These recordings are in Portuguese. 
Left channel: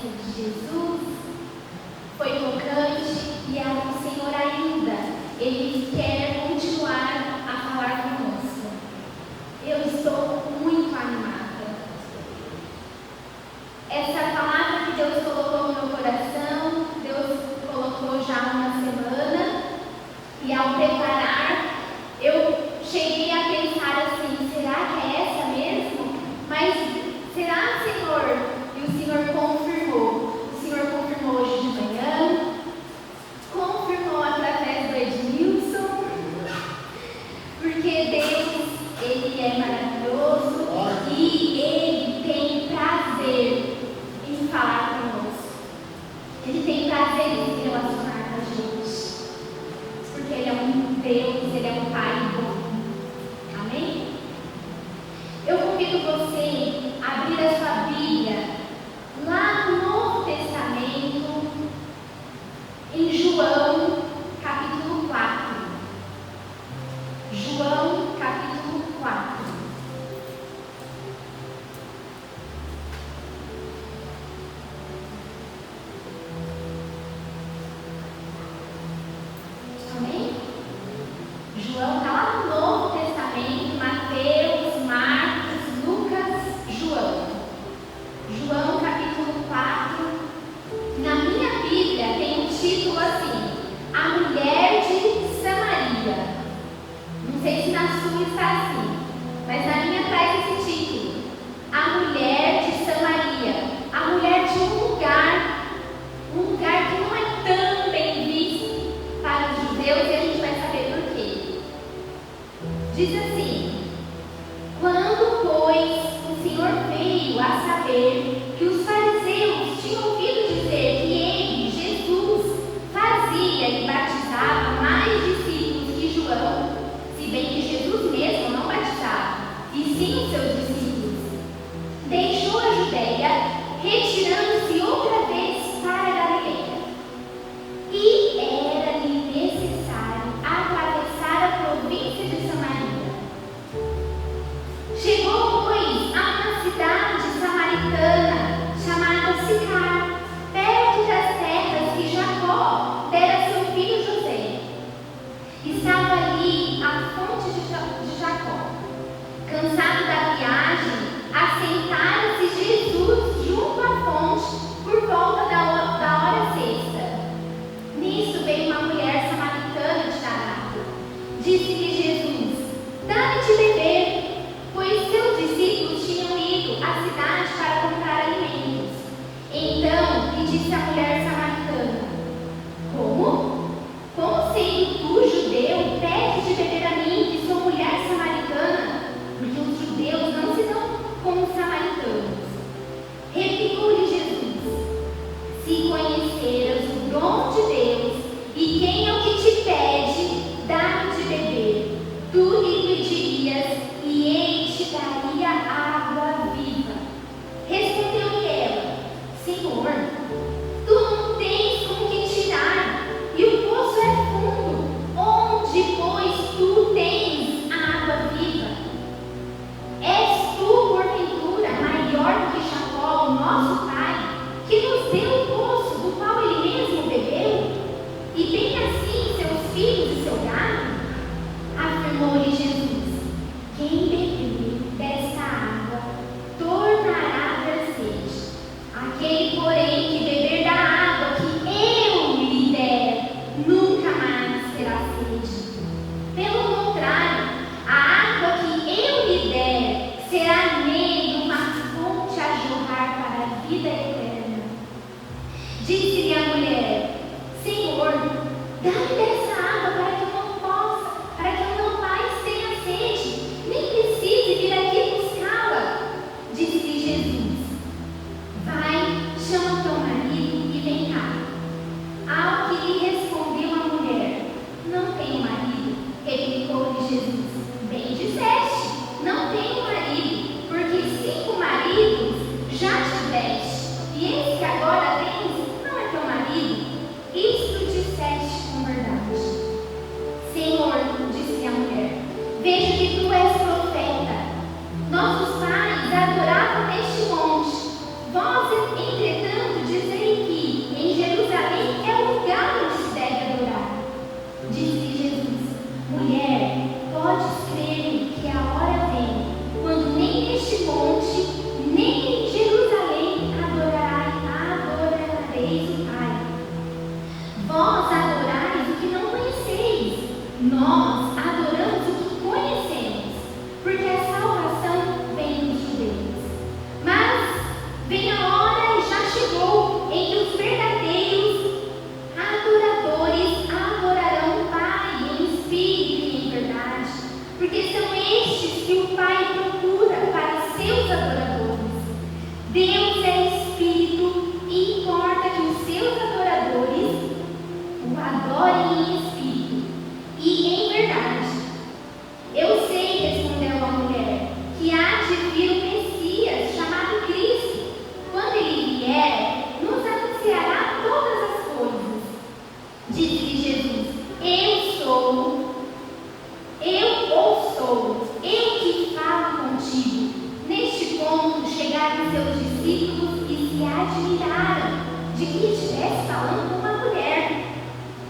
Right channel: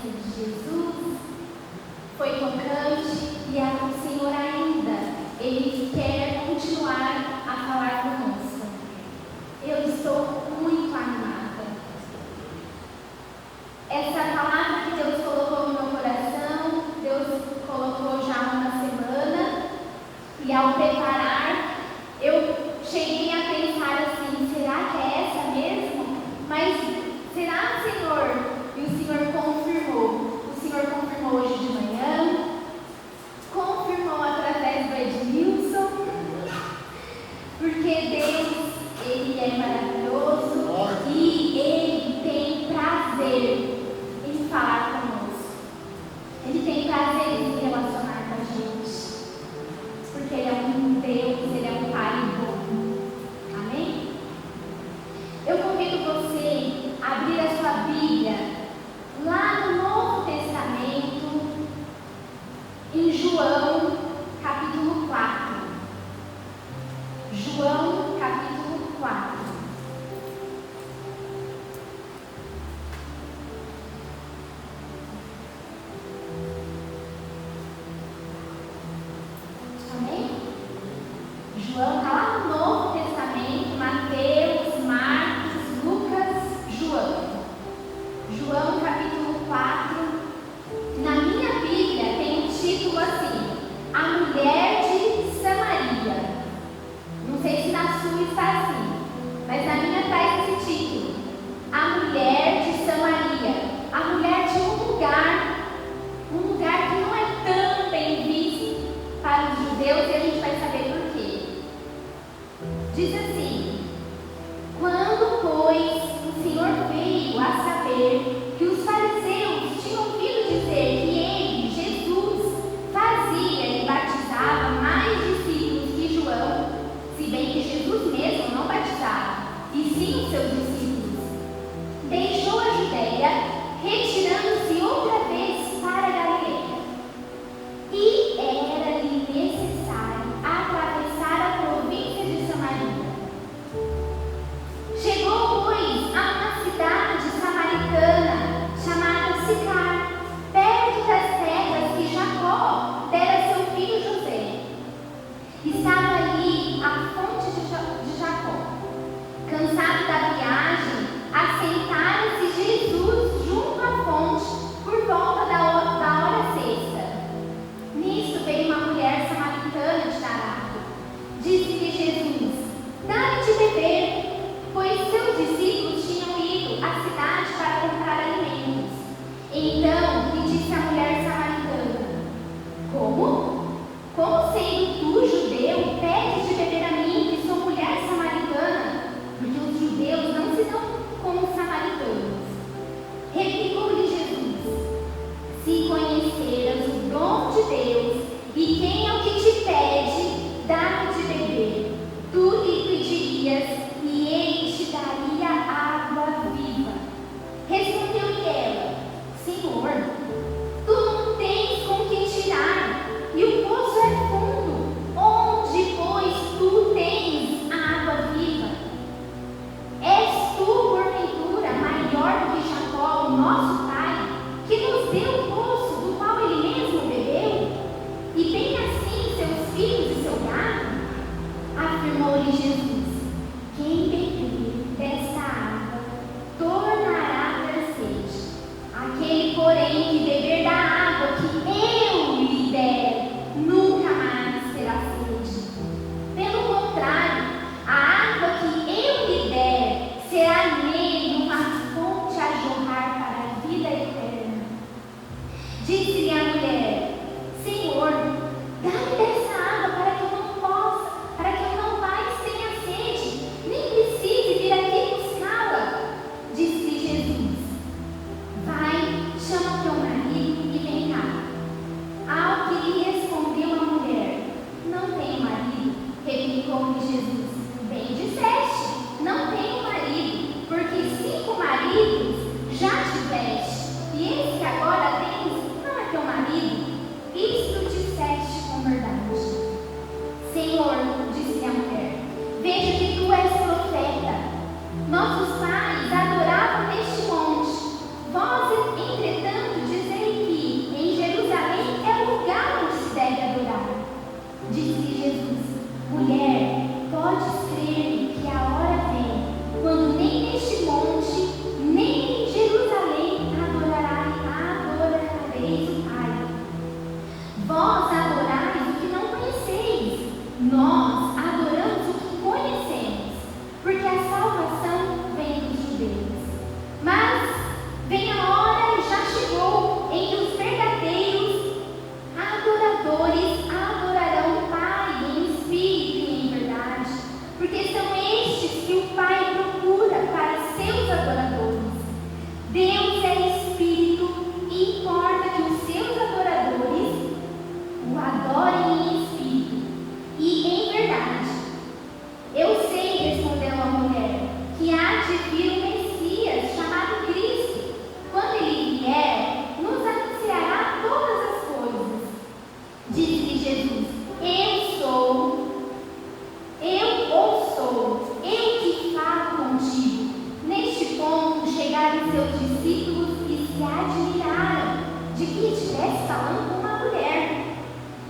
presença de Jesus foi tocante e o Senhor ainda, Ele quer continuar a falar conosco. Eu estou muito animada. Essa palavra que Deus colocou no meu coração, Deus colocou já há uma semana, e ao preparar, eu cheguei a pensar assim, será que é essa mesmo? Mas será, Senhor? E o Senhor confirmou. O Senhor confirmou hoje de manhã, confirmou através do Edmilson, porque Deus, Ele é maravilhoso e Ele tem prazer em falar conosco. Ele tem prazer em se relacionar com a gente, porque Ele é um Deus, Ele é um Pai bom. Amém? Eu convido você a abrir a sua Bíblia lá no Novo Testamento, em João, capítulo 4. João, capítulo 4. Amém? João está lá no Novo Testamento, Mateus, Marcos, Lucas, João. João, capítulo 4. Na minha Bíblia tem um título assim: A Mulher de Samaria. Não sei se na sua está assim, mas na minha traz esse título: A Mulher de Samaria. A mulher de um lugar que não é tão bem visto para os judeus, e a gente vai saber por quê. Diz assim: Quando, pois, o Senhor veio a saber que os fariseus tinham ouvido dizer que ele, Jesus, fazia e batizava mais discípulos que João, se bem que Jesus mesmo não batizava, e sim os seus discípulos, deixou a Judeia, retirando-se outra vez para a Galileia. E era-lhe necessário atravessar a província de Samaria. Chegou, pois, a uma cidade samaritana chamada Sicar, perto das terras que Jacó dera a seu filho José. Estava ali a fonte de Jacó. Cansado da viagem, assentara-se Jesus junto à fonte por volta da hora sexta. Nisso veio uma mulher samaritana de Tarado. Disse-lhe Jesus: Dá-me de beber, pois seus discípulos tinham ido à cidade para comprar alimentos. Então lhe disse a mulher samaritana: Como? Como sendo tu, judeu, pedes de beber a mim, que sou mulher samaritana? Porque os judeus não se dão com os samaritanos. Replicou-lhe Jesus: Se conheceras o dom de Deus e quem é o que te pede, dá-me de beber, tu lhe pedirias e ele te daria água viva. Respondeu-lhe ela: Senhor, tu não tens com que tirar, e o poço é fundo. Onde, pois, tu tens a água viva? És tu, porventura, maior que Jacó, o nosso pai, que nos deu o poço do qual ele mesmo bebeu? E bem assim seus filhos e seu gado? Afirmou-lhe Jesus: Quem beber desta água tornará a ter sede. Aquele, porém, que beber da água que eu lhe der, nunca mais terá sede. Pelo contrário, a água que eu lhe der será nele uma fonte a jorrar para a vida eterna. Disse-lhe a mulher: Senhor, dá-me dessa água para que eu não mais tenha sede, nem precise vir aqui buscá-la. Disse-lhe Jesus: Vai, chama teu marido e vem cá. Ao que lhe respondeu a mulher: Não tenho marido. Replicou-lhe Jesus: Bem disseste, não tenho marido, porque 5 maridos já tiveste, e esse que agora tens não é teu marido. Isto disseste com verdade. Senhor, disse a mulher, vejo que tu és profeta. Nossos pais adoravam neste monte. Vós, entretanto, chegaram seus discípulos e se admiraram de que estivesse falando com uma mulher.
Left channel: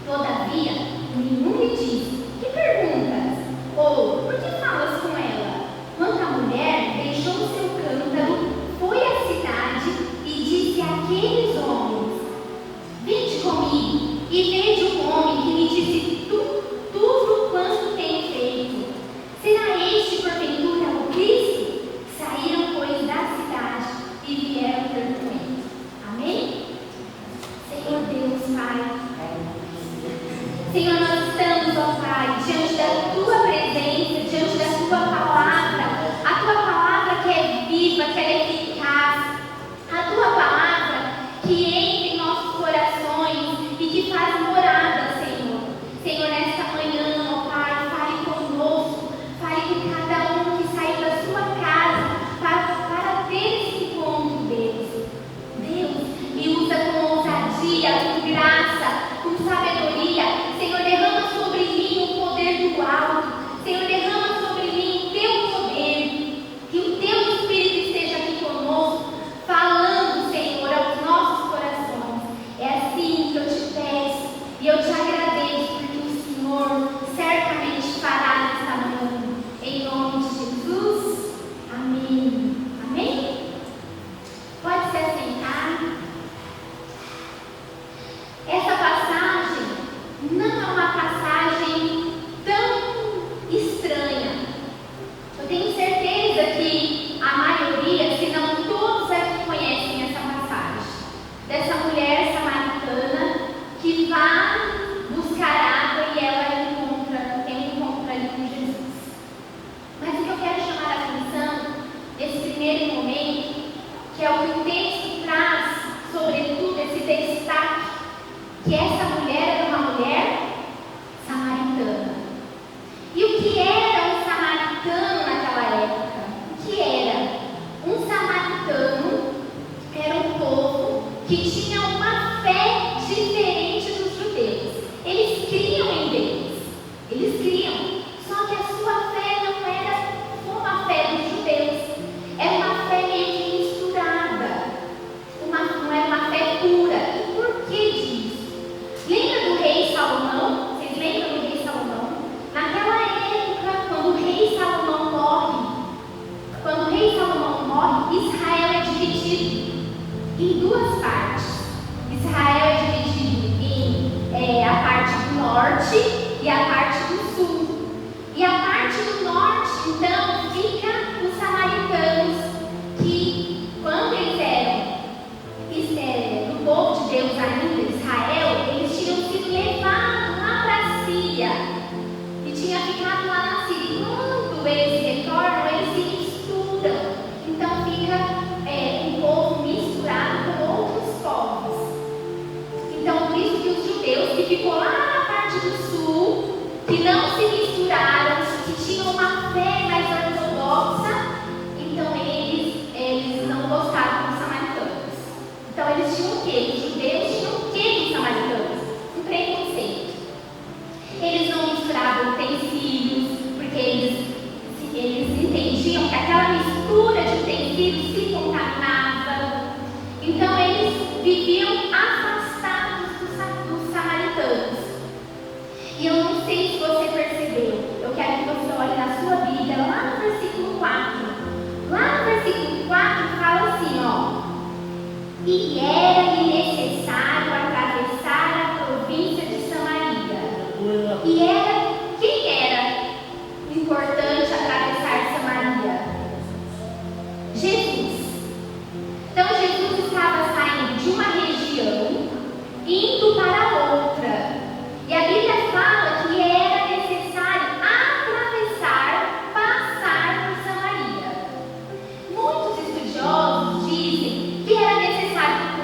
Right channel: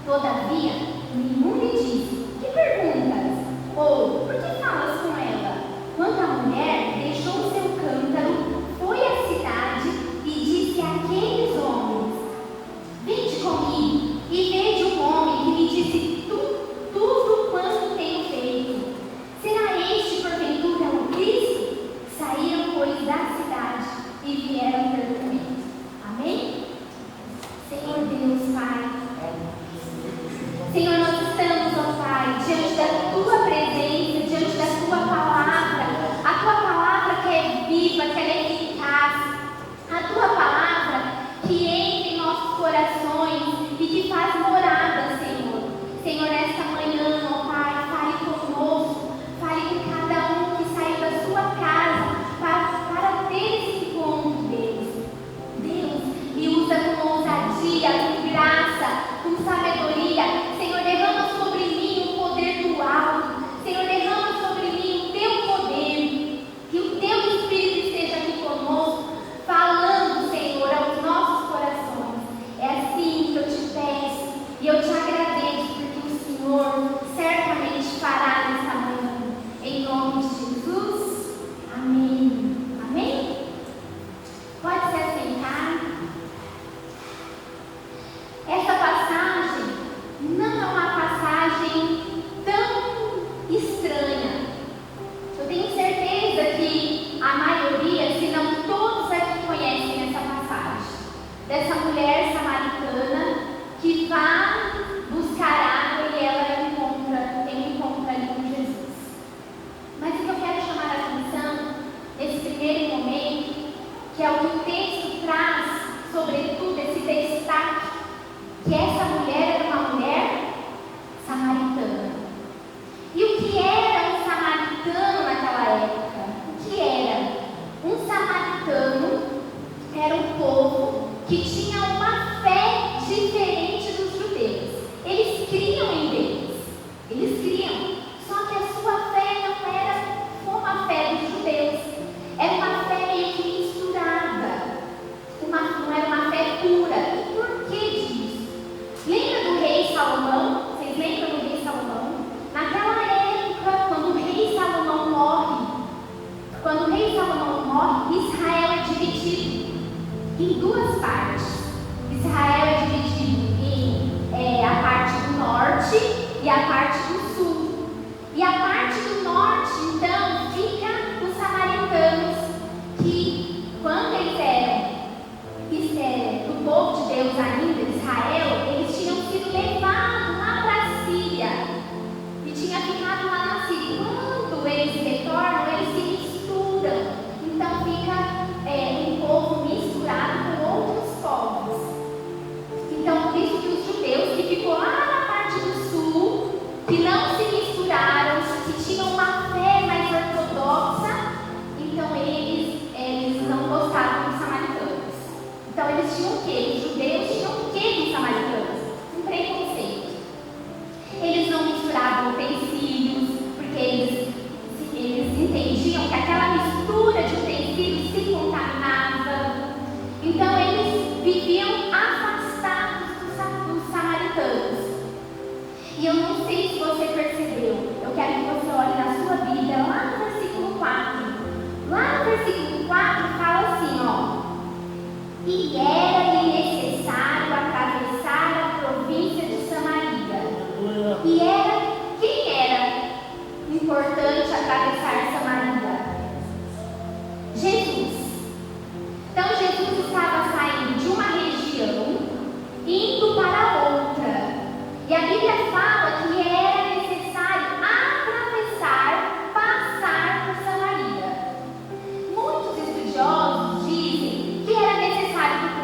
Todavia, nenhum lhe disse: que perguntas? Ou, por que falas com ela? Quando a mulher deixou seu cântaro, foi à cidade e disse àqueles homens: vinde comigo e veja um homem que me disse tudo quanto tenho feito. Será este porventura o Cristo? Saíram, pois, da cidade e vieram ter comigo. Amém? Senhor Deus, Pai. Senhor, nós estamos, ó Pai, diante da Tua presença, diante da Tua palavra. A Tua palavra que é viva, que é eficaz. A Tua palavra que entra em nossos corações e que faz morada, Senhor. Senhor, nesta manhã, ó Pai, fale conosco. Fale com cada um que saiu da sua casa para ter esse encontro, Deus, me usa com ousadia, com graça, com sabedoria. Senhor, derrama sobre mim o poder do alto. Senhor, derrama sobre mim o Teu poder. Que o Teu Espírito esteja aqui conosco, falando, Senhor, aos nossos corações. É assim que eu te peço e eu te agradeço, porque o Senhor certamente fará nesta manhã. Em nome de Jesus. Amém. Amém? Pode se assentar. Essa passagem não é uma passagem tão estranha. Eu tenho certeza que a maioria, se não todos aqui, conhecem essa passagem. Dessa mulher samaritana que vai buscar água e ela tem um encontro ali com Jesus. Mas o que eu quero chamar a atenção nesse primeiro momento, que é o que o texto traz, sobretudo esse destaque, que essa mulher era uma mulher samaritana. E o que era um samaritano naquela época? O que era? Um samaritano era um povo que tinha uma fé diferente dos judeus. Eles criam em Deus. Eles criam. Só que a sua fé não era como a fé dos judeus. Era uma fé meio que misturada. Não era uma fé pura. E por que disso? Lembra do rei Salomão? Vocês lembram do rei Salomão? Naquela época, quando o rei Salomão morre, Israel é dividido em duas partes. Israel é dividido em a parte do norte e a parte do sul. E a parte do norte, então, fica os samaritanos, que quando eles eram do povo de Deus ainda, Israel, eles tinham sido levados lá para a Síria e tinha ficado lá na Síria. Quando eles retornam, eles se misturam. Então fica um povo misturado com outros povos. Então por isso que os judeus que ficou lá na parte do sul, que não se misturaram, que tinham uma fé mais ortodoxa, então eles não gostavam dos samaritanos. Então eles tinham o quê? Os judeus tinham o quê dos samaritanos? Um preconceito. Eles não misturavam utensílios, porque eles entendiam que aquela mistura de utensílios se contaminava. Então eles viviam afastados dos samaritanos. E eu não sei se você percebeu, eu quero que você olhe na sua Bíblia, lá no versículo 4. Lá no versículo 4 fala assim, ó: e era-lhe necessário atravessar a província de Samaria. E quem era importante atravessar Samaria? Jesus. Então Jesus estava saindo de uma região, indo para outra. E a Bíblia fala que era necessário passar por Samaria. Muitos estudiosos dizem que era necessário que o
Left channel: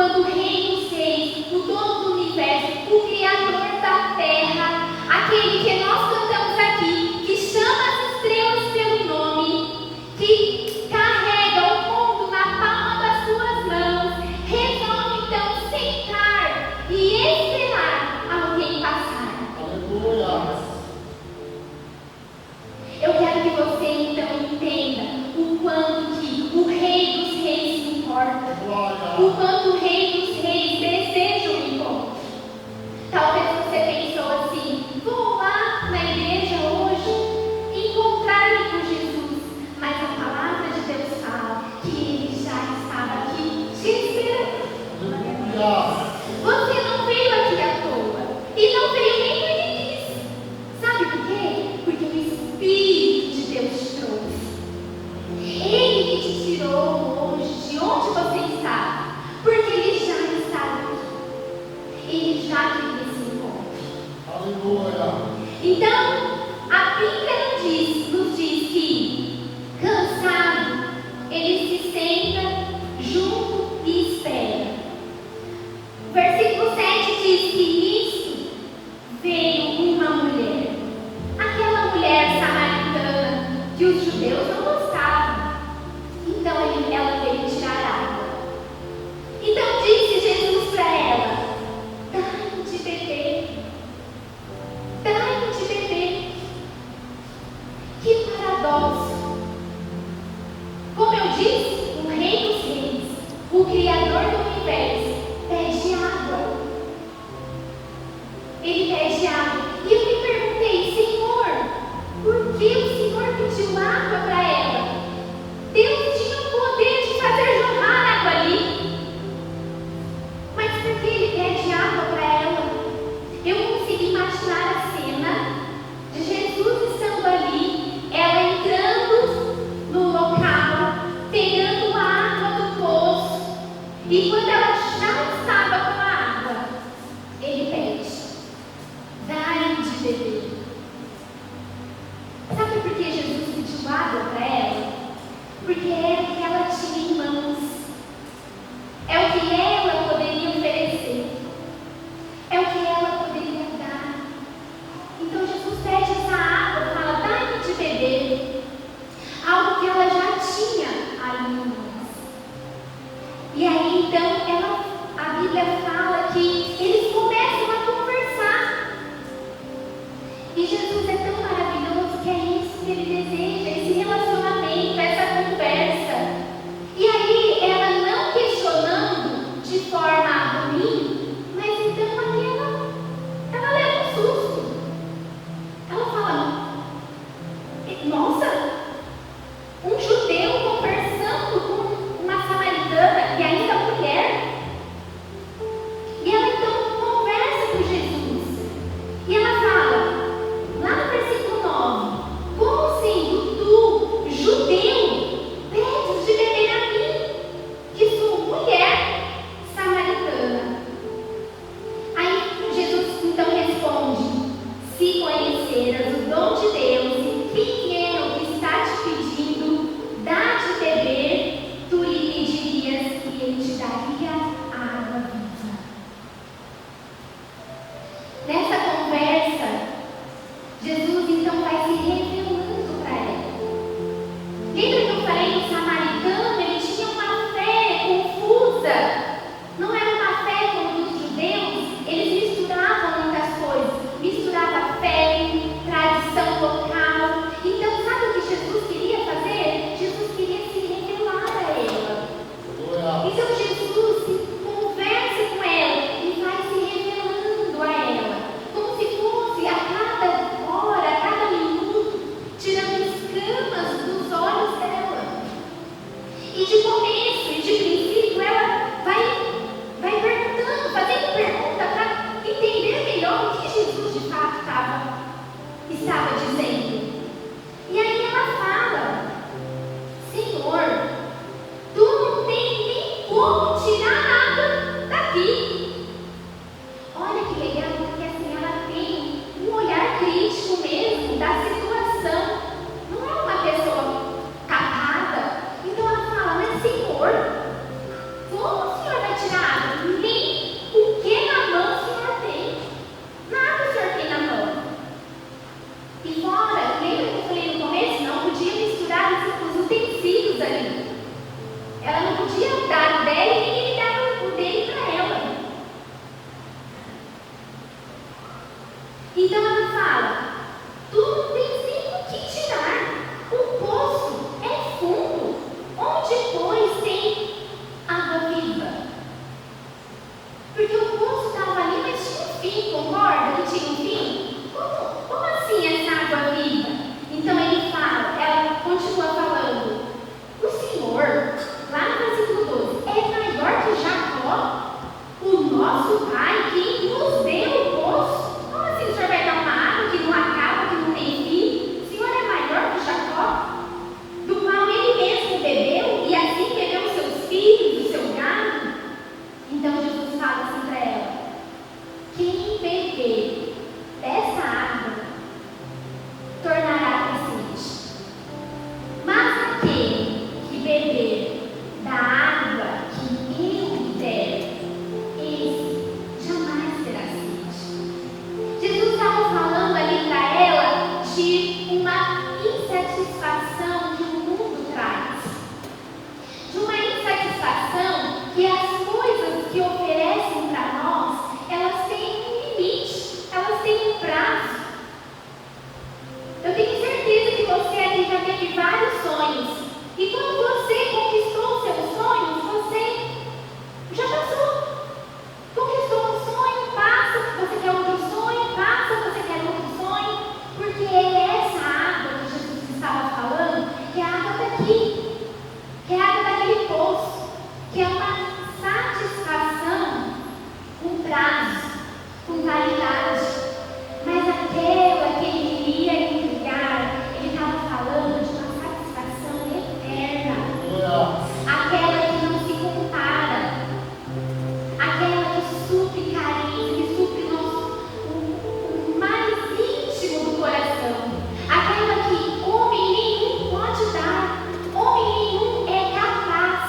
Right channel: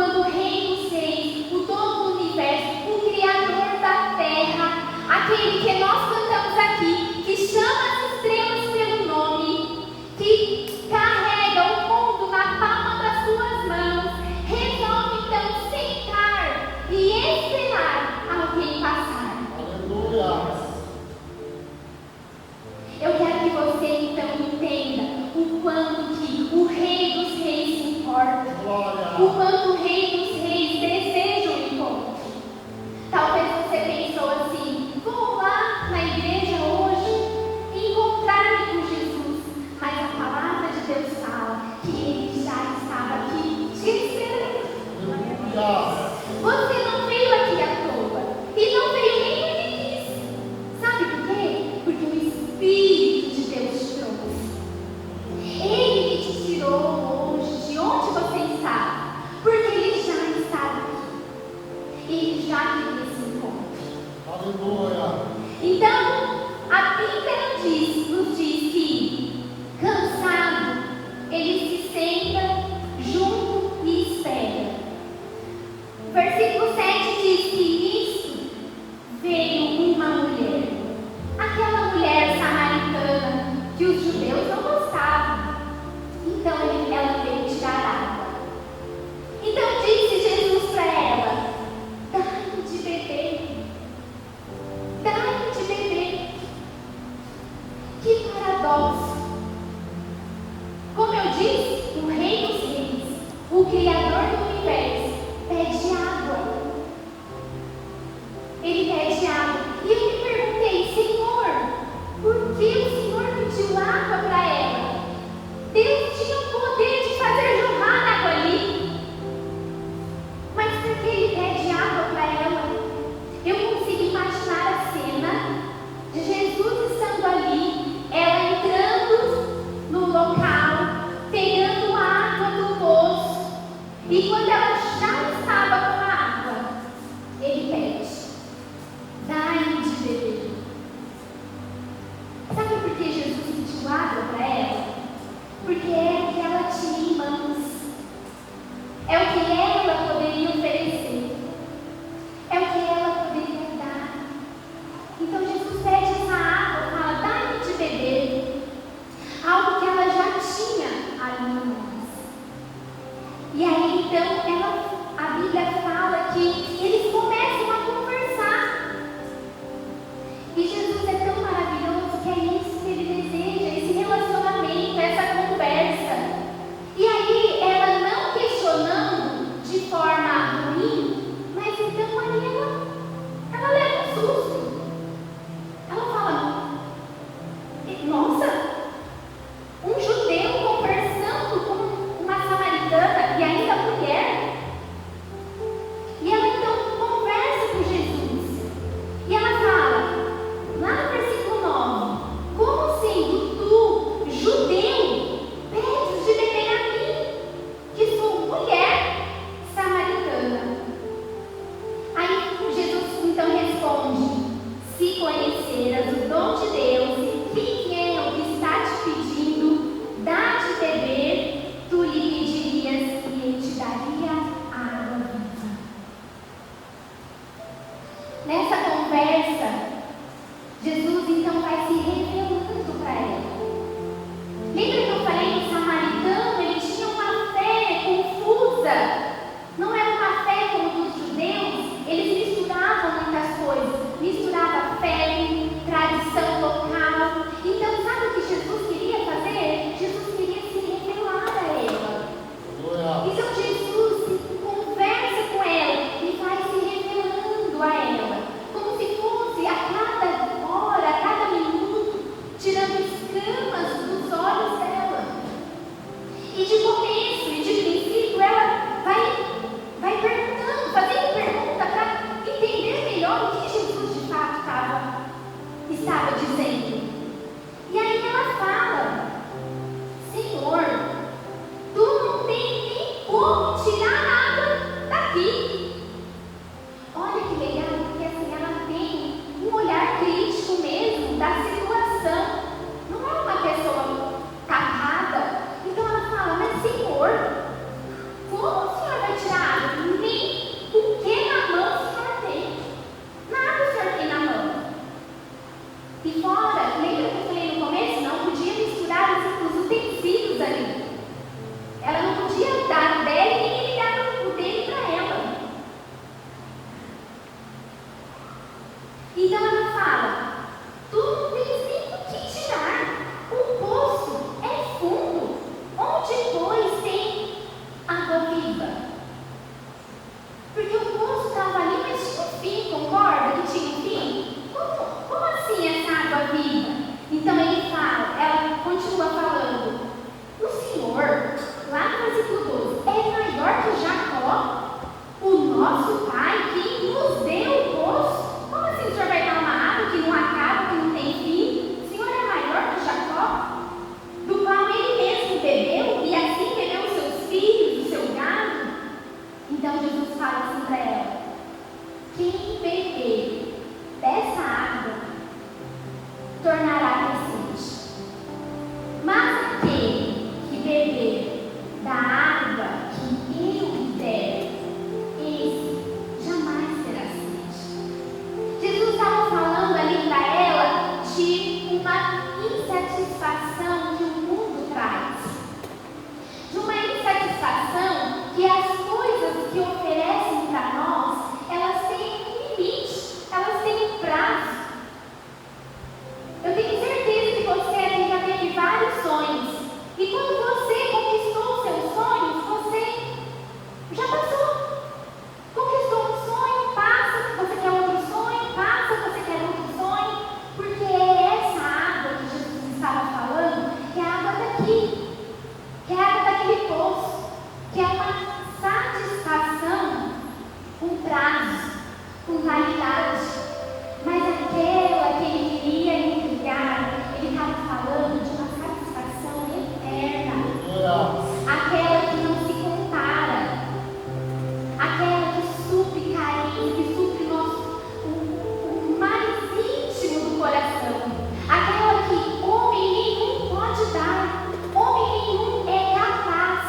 quando o Rei dos Reis, o dono do universo, o Criador da terra, aquele que nós cantamos aqui, que chama as estrelas pelo nome, que carrega o mundo na palma das suas mãos, resolve então sentar e esperar alguém passar. Aleluia. Eu quero que você então entenda o quanto que o Rei dos Reis se importa, o quanto o Rei dos Reis deseja o encontro. Talvez você pensou assim: vou lá na igreja hoje encontrar-me com Jesus, mas a palavra de Deus fala que ele já estava aqui te esperando. Você não veio aqui à toa e não veio nem porque quis. Sabe por quê? Porque o Espírito de Deus te trouxe. Ele que te tirou hoje de onde você está, porque ele já estava aqui. Ele já queria esse encontro. Aleluia. Então, a Bíblia nos diz que, cansado, ele se senta junto e espera. Versículo 7 diz que nisso veio uma mulher. Aquela mulher samaritana que os judeus não gostavam. Então ela veio tirar água. Então disse Jesus para ela: dai-me de beber. Dai-me de beber. Que paradoxo. Como eu disse, o Rei dos Reis, o Criador do universo, pede água. Ele pede água. E eu me perguntei: Senhor, por que o Senhor pediu água para ela? Deus tinha o poder de fazer jorrar água ali. Mas por que ele pede água para ela? Eu consigo imaginar a cena de Jesus estando ali, ela entrando no local, pegando a água do poço. E quando ela já estava com a água, ele pede: dai-me de beber. Sabe por que Jesus pediu água para ela? Porque era o que ela tinha em mãos. É o que ela poderia oferecer. É o que ela poderia dar. Então Jesus pede essa água, fala: dai-me de beber. Algo que ela já tinha ali em mãos. E aí então a Bíblia fala que eles começam a conversar. E Jesus é tão maravilhoso que é isso que ele deseja, esse relacionamento, essa conversa. E aí ela não questionando de forma ruim, mas então ali ela leva um susto. Ela fala: nossa, um judeu conversando com uma samaritana e ainda mulher. E ela então conversa com Jesus. E ela fala, lá no versículo 9: como sendo tu, judeu, pedes de beber a mim, que sou mulher samaritana? Aí Jesus então responde: se conheceras o dom de Deus e quem é o que está te pedindo, dá de beber, tu lhe pedirias e ele te daria água viva. Nessa conversa, Jesus então vai se revelando para ela. Lembra que eu falei no samaritano? Ele tinha uma fé confusa. Não era uma fé como dos judeus. Eles misturavam muitas coisas. Misturava fé, tradição local. Então sabe o que Jesus queria fazer? Jesus queria se revelar a ela. Então Jesus conversa com ela e vai se revelando a ela, como se fosse a cada hora, a cada minuto, tirando escamas dos olhos dela. E de começo e de princípio ela vai perguntando, fazendo pergunta para entender melhor o que Jesus de fato estava dizendo. E aí ela fala: Senhor, tu não tem nem como tirar água daqui. Olha que legal, porque assim ela tem um olhar crítico mesmo da situação. Não é uma pessoa tapada. Então ela fala: mas Senhor, como o Senhor vai tirar água? Ela não podia dar o dela e ninguém dava o dele para ela. Então ela fala: tu não tens nem o que tirar. O poço é fundo, onde depois tem água viva. Porque o poço estava ali, mas tinha um fim, concorda que tinha um fim? Como assim essa água viva? Então ela continua falando: o Senhor, lá no versículo 12, é maior que Jacó, o nosso pai, que nos deu o poço. Como assim o Senhor vai dar uma água que não acaba, que não tem fim? O Senhor é maior que Jacó, do qual ele mesmo bebeu, e assim bebeu os seus filhos, o seu gado? Então Jesus fala assim para ela: quem beber dessa água tornará ter sede. Mas aquele que beber da água que eu der, esse jamais terá sede. Jesus estava falando ali para ela de uma insatisfação que o mundo traz. De uma insatisfação que as coisas que oferecem para nós, elas têm um limite, elas têm um prazo. Eu tenho certeza que você aqui já teve vários sonhos. E quando você conquistou os seus sonhos, você já passou. Conquistou um sonho, passa, você quer outro sonho, passa, você quer outro sonho. Porque é essa água que Jesus estava falando, que é a água daqui, que é a água daquele poço, que é uma satisfação com prazo, com validade. Mas aquela que ele queria entregar, ele estava falando de uma satisfação eterna. Aquela que não se compara. Aquela que supre carinho, que supre o mais íntimo do coração. Aquela que homem nenhum pode dar. Homem nenhum é capaz.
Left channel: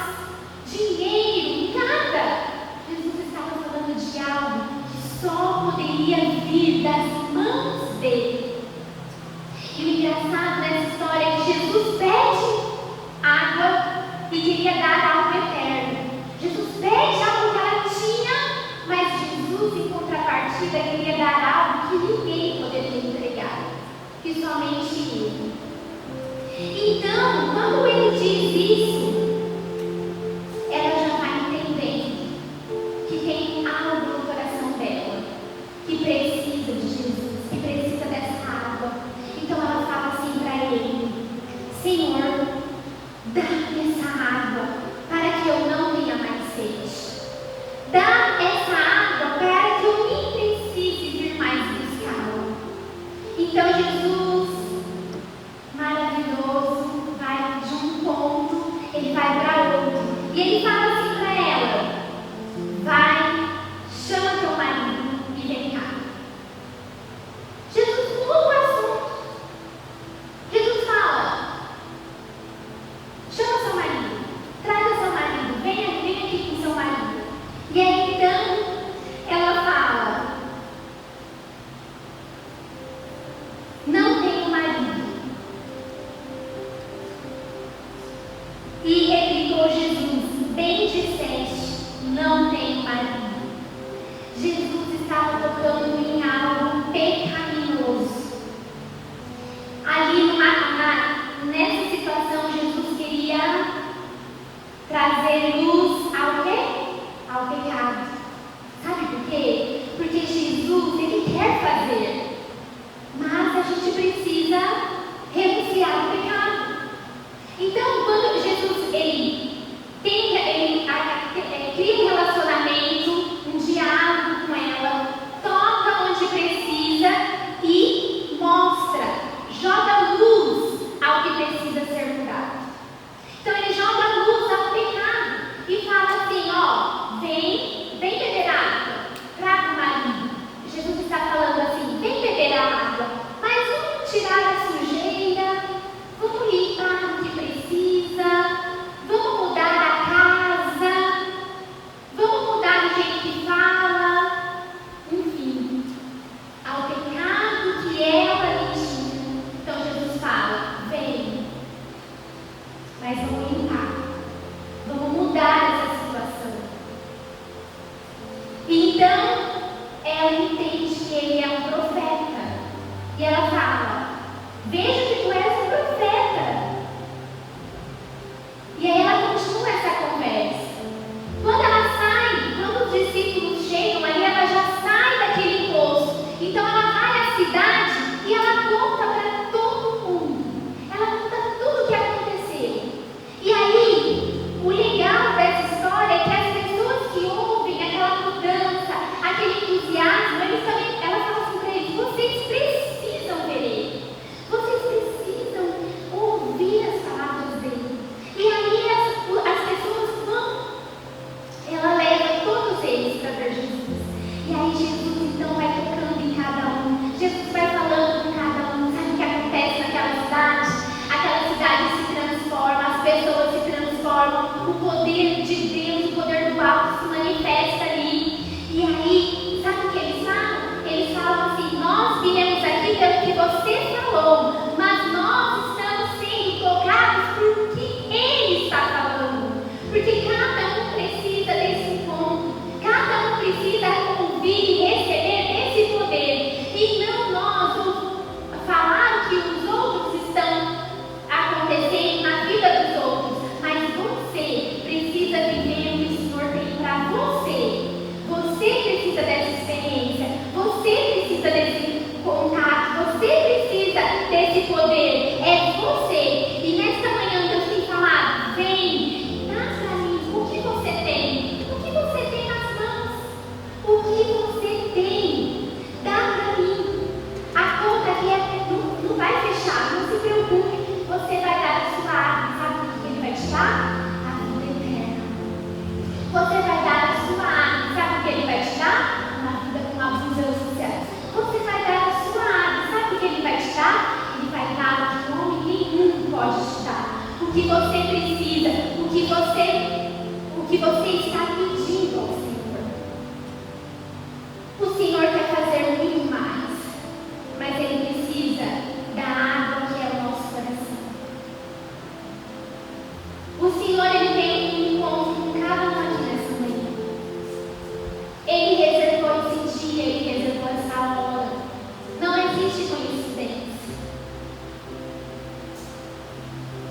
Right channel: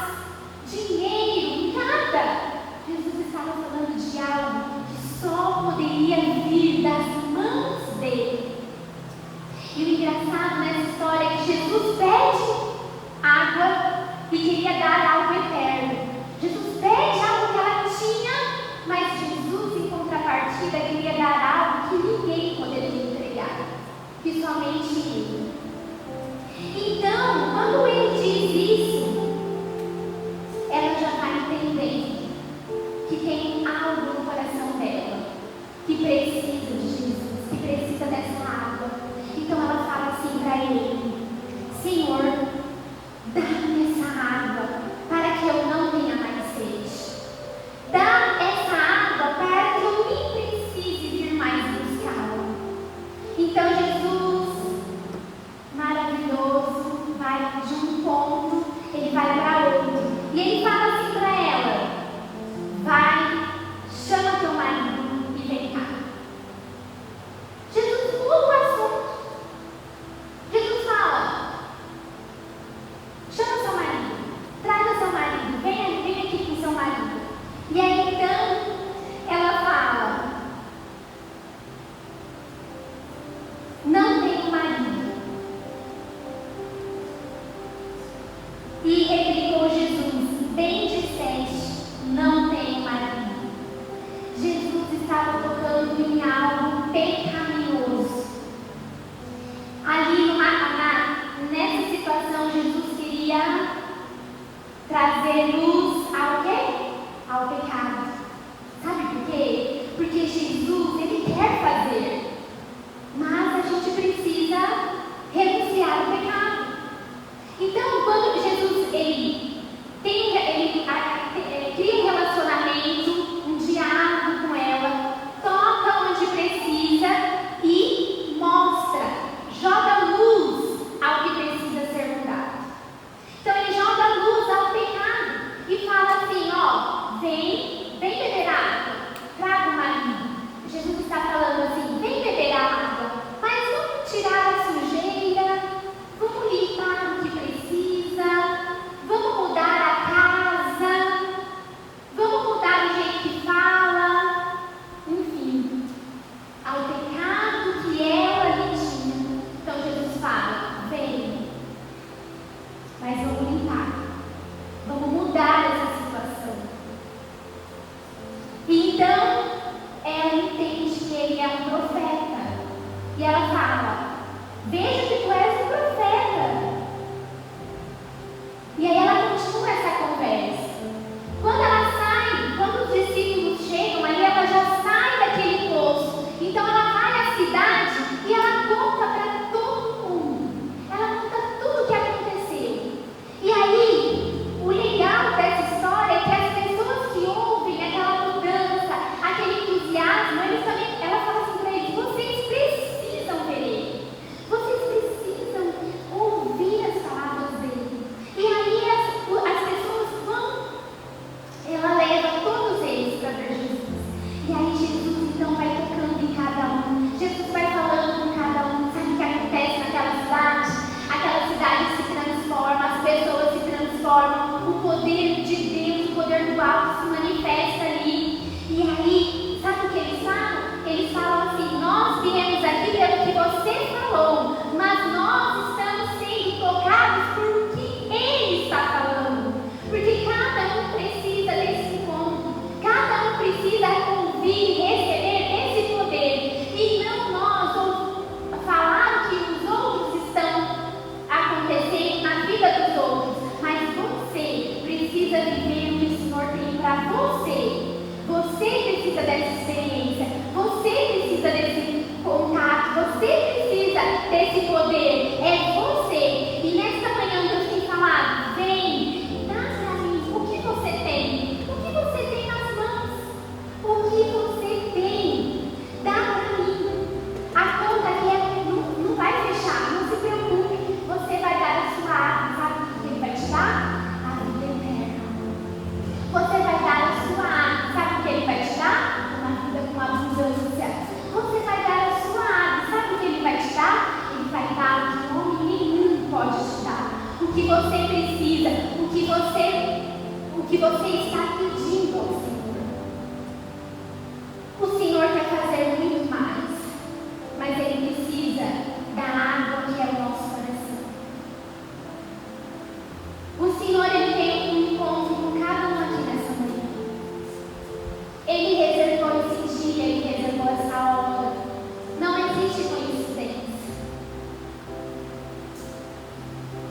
Dinheiro, nada. Jesus estava falando de algo que só poderia vir das mãos dele. E o engraçado nessa história é que Jesus pede água e queria dar algo eterno. Jesus pede algo que ela tinha, mas Jesus, em contrapartida, queria dar algo que ninguém poderia entregar, que somente ele. Então, quando ele diz isso, ela já vai entendendo que tem algo no coração dela que precisa de Jesus, que precisa dessa água. Então ela fala assim para ele: Senhor, dá-me essa água para que eu não tenha mais sede. Dá essa água para que eu nem precise vir mais buscá-la. Então Jesus, maravilhoso, vai de um ponto, ele vai para outro. E ele fala assim para ela: vai, chama teu marido e vem cá. Jesus muda o assunto. Jesus fala: chama seu marido, traga seu marido, venha aqui com seu marido. E aí então ela fala: não tenho marido. E replicou Jesus: bem disseste, não tenho marido. Jesus estava tocando em algo pecaminoso. Ali nessa situação, Jesus queria trazer luz ao quê? Ao pecado. Sabe por quê? Porque Jesus, ele quer fazer, mas a gente precisa renunciar ao pecado. Então, quando Jesus ele cria um relacionamento, um diálogo com ela, toca onde precisa e mostra, joga luz ao que precisa ser mudado. Então ele joga luz ao pecado e fala assim: ó, vem Você vai dar a sua água. Sabe o que Ele vai te dar? Uma vida com abundância. Você vai dar a sua água. Sabe o que Ele vai te dar? Ele vai dar o que homem nenhum pode te dar. O que você precisa, o que você está pedindo ao Senhor. O Senhor quer fazer muito mais, mas Ele precisa da água que é o nosso coração. O Senhor, Ele tem um encontro com cada um aqui nessa manhã. Ele reservou esse dia, Ele reservou essa hora. Não existe coincidência.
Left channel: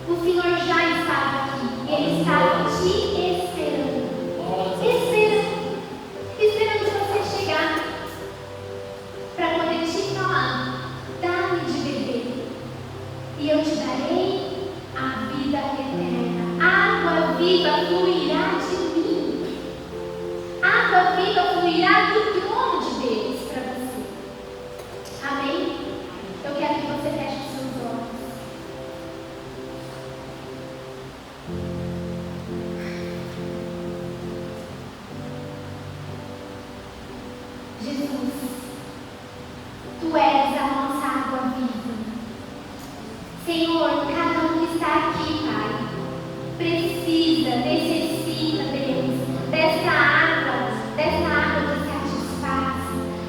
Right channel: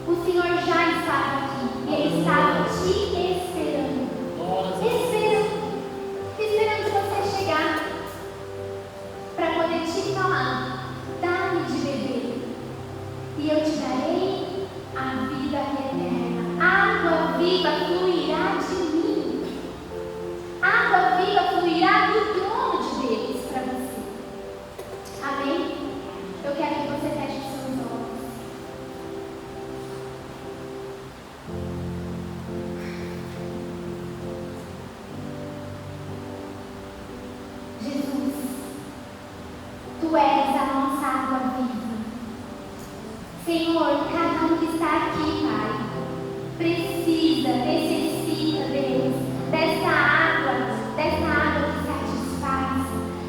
O Senhor já estava aqui e Ele estava te esperando. Esperando você chegar para poder te falar: dá-me de beber e eu te darei a vida eterna. Água viva fluirá de mim. Água viva fluirá do trono de Deus para você. Amém? Eu quero que você feche os seus olhos. Jesus, Tu és a nossa água viva. Senhor, cada um que está aqui, Pai, precisa, necessita, Deus, dessa água que satisfaz,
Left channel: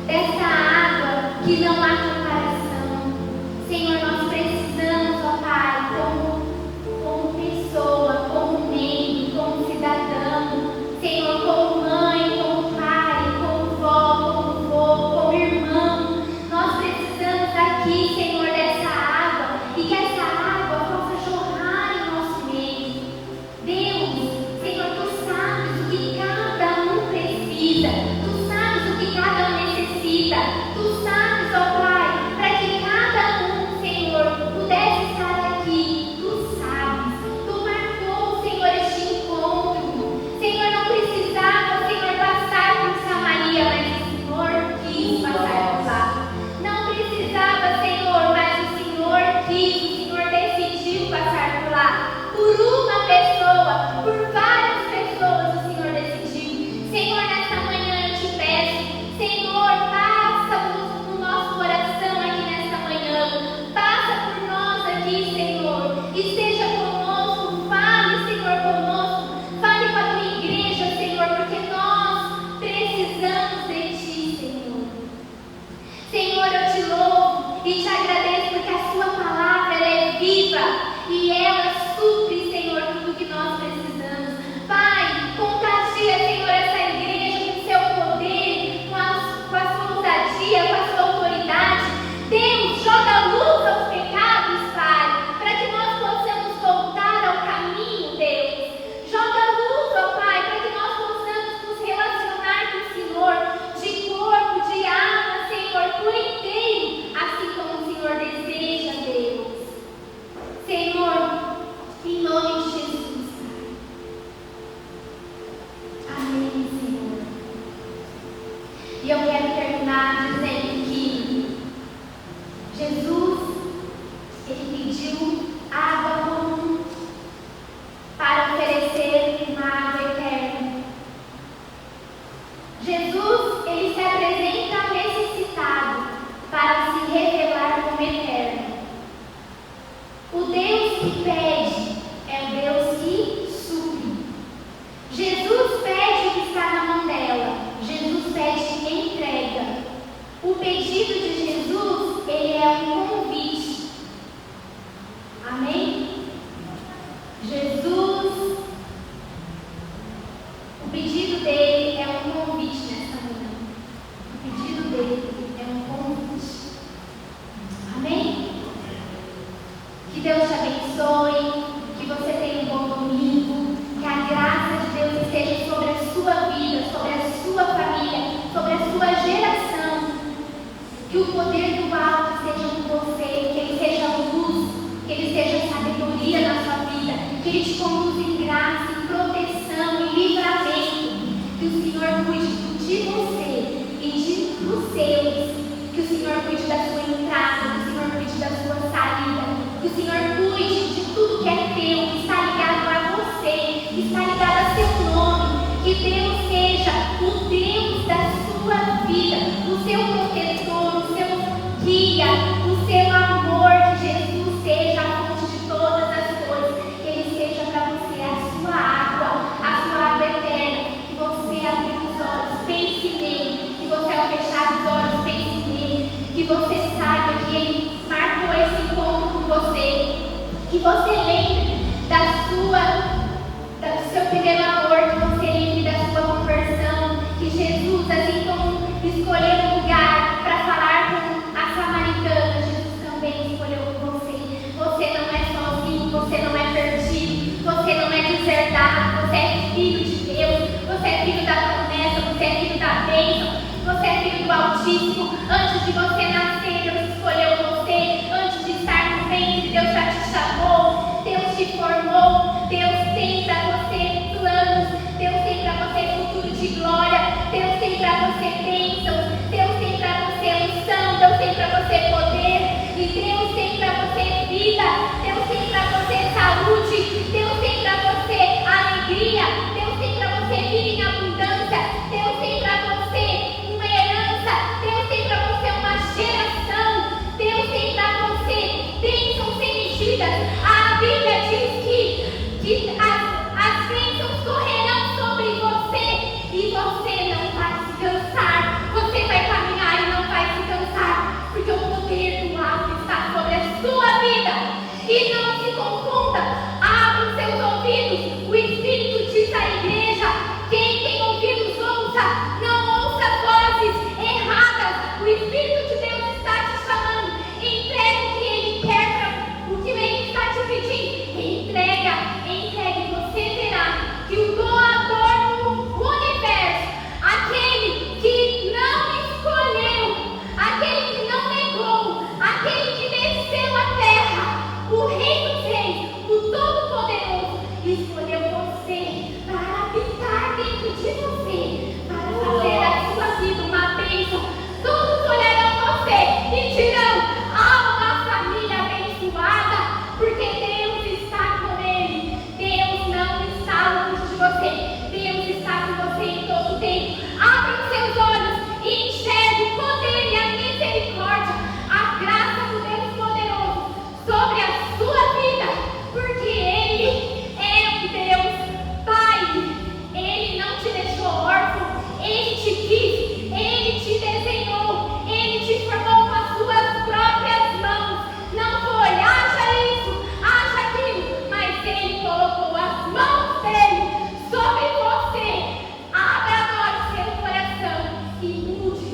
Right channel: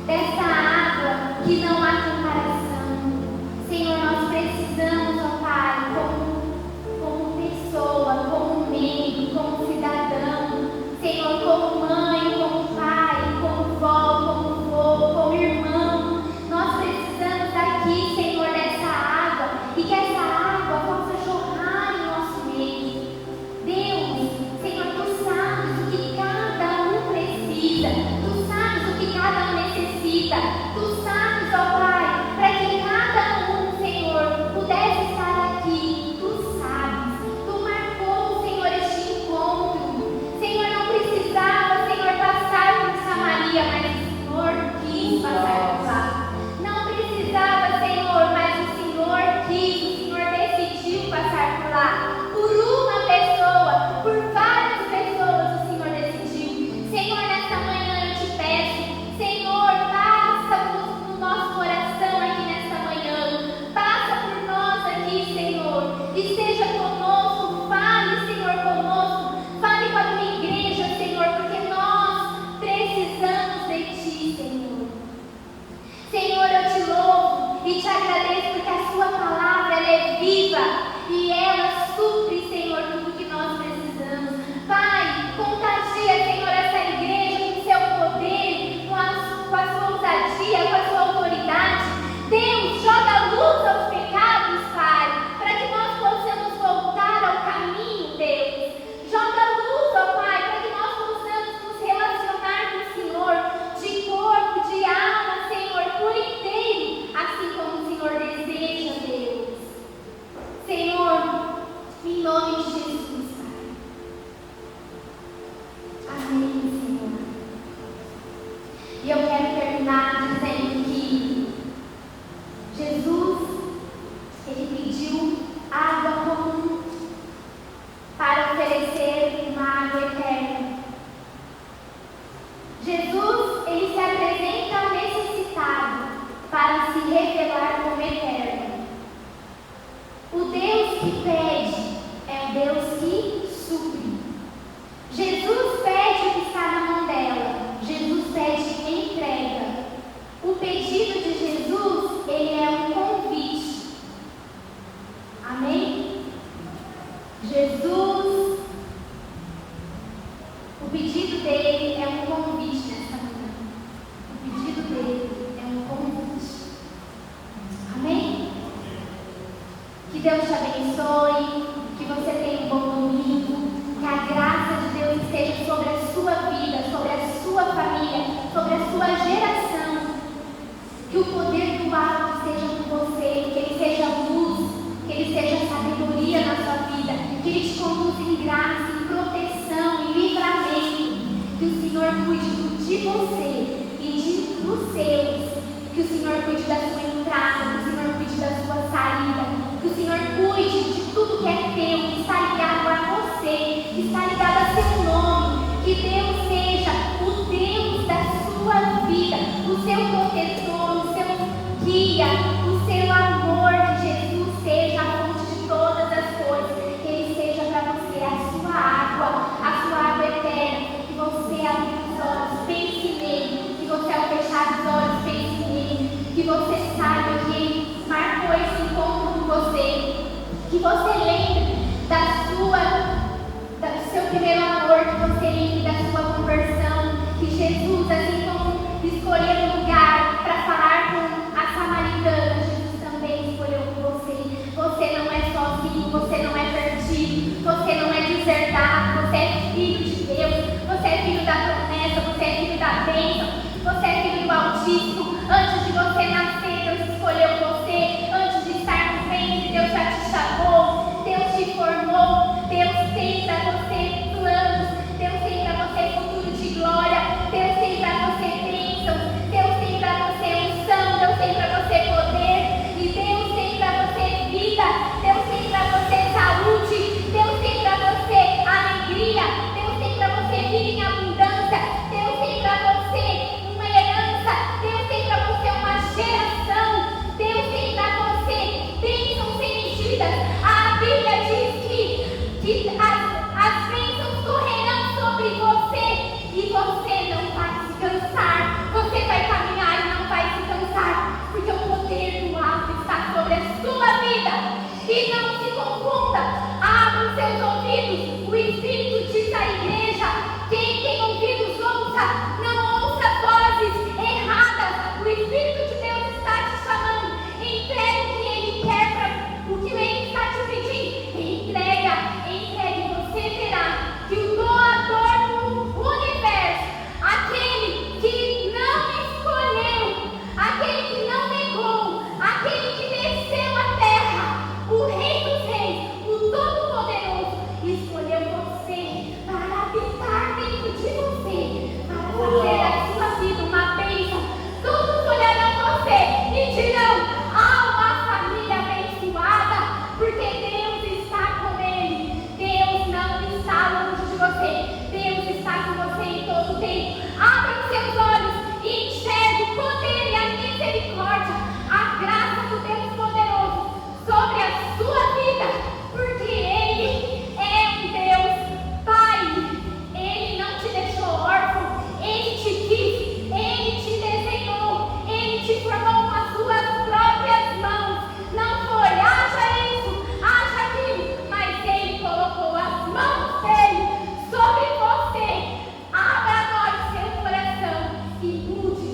dessa água que não há comparação. Senhor, nós precisamos, ó Pai, como pessoa, como membro, como cidadão, Senhor, como mãe, como pai, como vó, como vô, como irmão. Nós precisamos aqui, Senhor, dessa água e que essa água possa jorrar em nosso meio. Deus, Senhor, Tu sabes o que cada um precisa, Tu sabes o que cada um necessita, Tu sabes, ó Pai, para que cada um, Senhor, pudesse estar aqui. Tu sabes, Tu marcou, Senhor, este encontro. Senhor, não precisava, Senhor, passar por Samaria, mas o Senhor quis passar por lá. Não precisava, Senhor, mas o Senhor quis, o Senhor decidiu passar por lá. Por uma pessoa, por várias pessoas, o Senhor decidiu. Senhor, nessa manhã eu te peço, Senhor, passa no nosso coração aqui nessa manhã. Passa por nós aqui, Senhor. Esteja conosco, fale, Senhor, conosco. Fale com a tua igreja, Senhor, porque nós precisamos de Ti, Senhor. Senhor, eu te louvo e te agradeço porque a Sua palavra ela é viva e ela supre, Senhor, tudo que nós precisamos. Pai, contagia, Senhor, essa igreja com o Seu poder, com a Sua ousadia, com a Sua autoridade. Deus, joga luz aos pecados, Pai, para que nós possamos voltar ao caminho, Deus. Joga luz, ó Pai, para que nós possamos nos relacionar com o Senhor de corpo, de alma, Senhor, por inteiro, assim como o Senhor deseja, Deus. Senhor, em nome de Jesus, Pai. Amém, Senhor. E eu quero terminar dizendo que Jesus, Ele pediu água comum para oferecer uma água eterna. Jesus, Ele se apresenta ao necessitado para se revelar como eterno. O Deus que pede é o Deus que supre. Jesus pede o que está na mão dela. Jesus pede e entrega. O pedido de Jesus, ele é um convite. Amém? Jesus, o pedido dele é um convite nessa manhã. O pedido dele é um convite. Amém? Que Deus te abençoe, que você tenha um bom domingo, que a graça de Deus esteja sobre a sua vida, sobre a sua família, sobre a sua geração. Que o poder do alto esteja com você, que ele seja luz, que ele seja sabedoria na sua vida, que ele te conduza em graça, em proteção, em livramento. Que o Senhor cuide de você e dos seus. Que o Senhor cuide da sua entrada, que o Senhor cuide da sua saída, que o Senhor cuide de tudo que é teu, que está ligado a você, que está ligado a seu nome, que Que Deus seja o Deus da sua vida, o seu protetor, o seu guia, o seu amor. Que Jesus seja a fonte de todas as coisas. Que Ele seja para você a sua água eterna. Que você abrir os olhos, pense nele. Que você, ao fechar os olhos, pense nele. Que você saiba que Ele marcou esse encontro com você. Que você lembre do seu primeiro amor, que você lembre da sua conversão, que Jesus, assim como escolheu um lugar para falar com a samaritana, Jesus também escolheu com você. Você não é sozinho, você não é perdido, você não é deserdado, você é filho de Deus, você é filho da promessa, você é filho da bênção, você é filho do Altíssimo. Antes de você nascer, Deus escolheu você. Antes de estar no ventre, Deus já te chamou, Deus te formou. Deus tem para você planos, Deus tem para você futuro de glória, Deus tem para você bênção, Deus tem para você unção, Deus tem para você poder, e Deus tem para você vida, Deus tem para você saúde, Deus tem para você alegria, Deus tem para você vida em abundância, Deus tem para você uma herança, Deus tem para você uma geração, Deus tem para você bênçãos sem medidas. A Bíblia diz que as bênçãos correrão sobre você e você não vai se cansar. Você vai caminhar e não vai se cansar, porque o poder do alto está sobre a sua vida. E não se confunda, abra os seus ouvidos. O Espírito diz à igreja: quem tem ouvidos ouça, não ouça vozes erradas. O Espírito de Deus está te chamando. Entrega o que Ele quer, o que Ele está te pedindo. Entrega. Você verá que o doador do universo, aquele que não escolheu, aquele que não negou, aquele que desceu à terra, o Rei dos Reis, o Todo-Poderoso, escolheu você para habitar dentro de você, para fazer da sua vida uma bênção. Todos olharão você e dirão: há uma família abençoada, porque Deus está com ele. Deus não está longe de você. Deus está com você em todo tempo. Abra os seus olhos e enxergue o poder e a misericórdia, a graça do Deus poderoso sobre a sua vida, porque Ele é um Deus Pai. Ele não te deixou órfão, Ele te quis, Ele te desenhou, Ele te formou com as suas próprias mãos. Não foi, haja isso, haja aquilo, mas Ele colocou as mãos dele sobre você. Abra agora o seu coração e mude.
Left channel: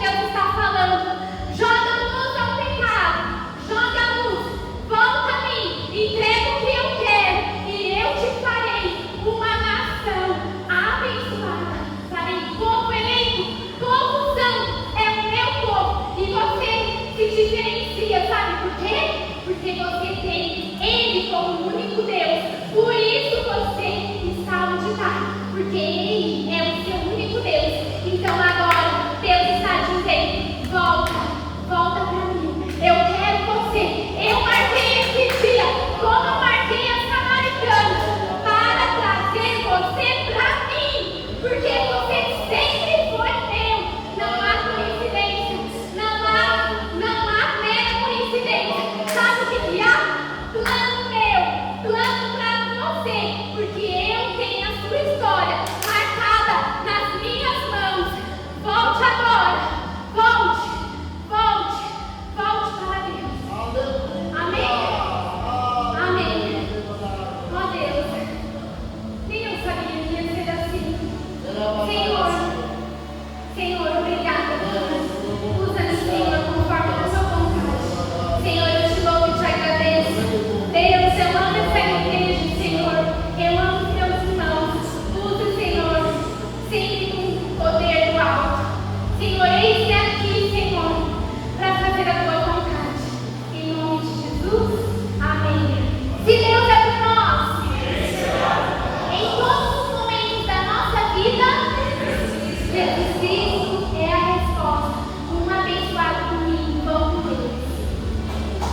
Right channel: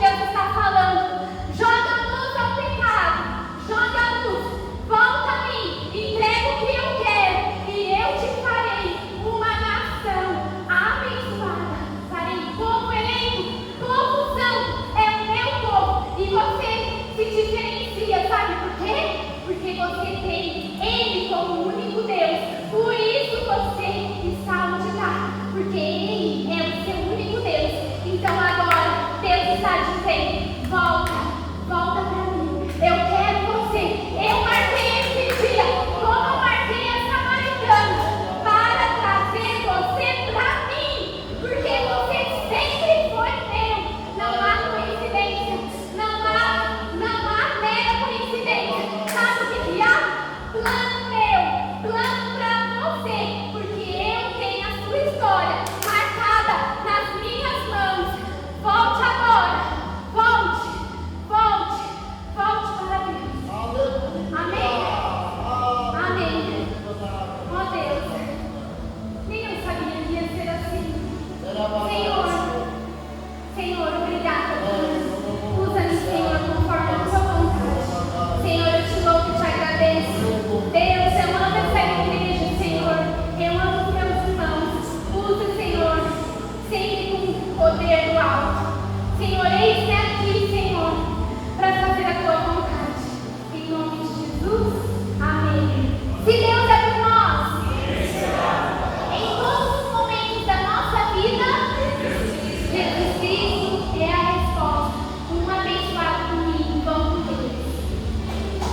Deus está falando. Joga a luz ao pecado, joga a luz, volta a mim, entrega o que eu quero e eu te farei uma nação abençoada. Farei povo eleito, povo santo, é o meu povo. E você se diferencia, sabe por quê? Porque você tem Ele como único Deus. Por isso você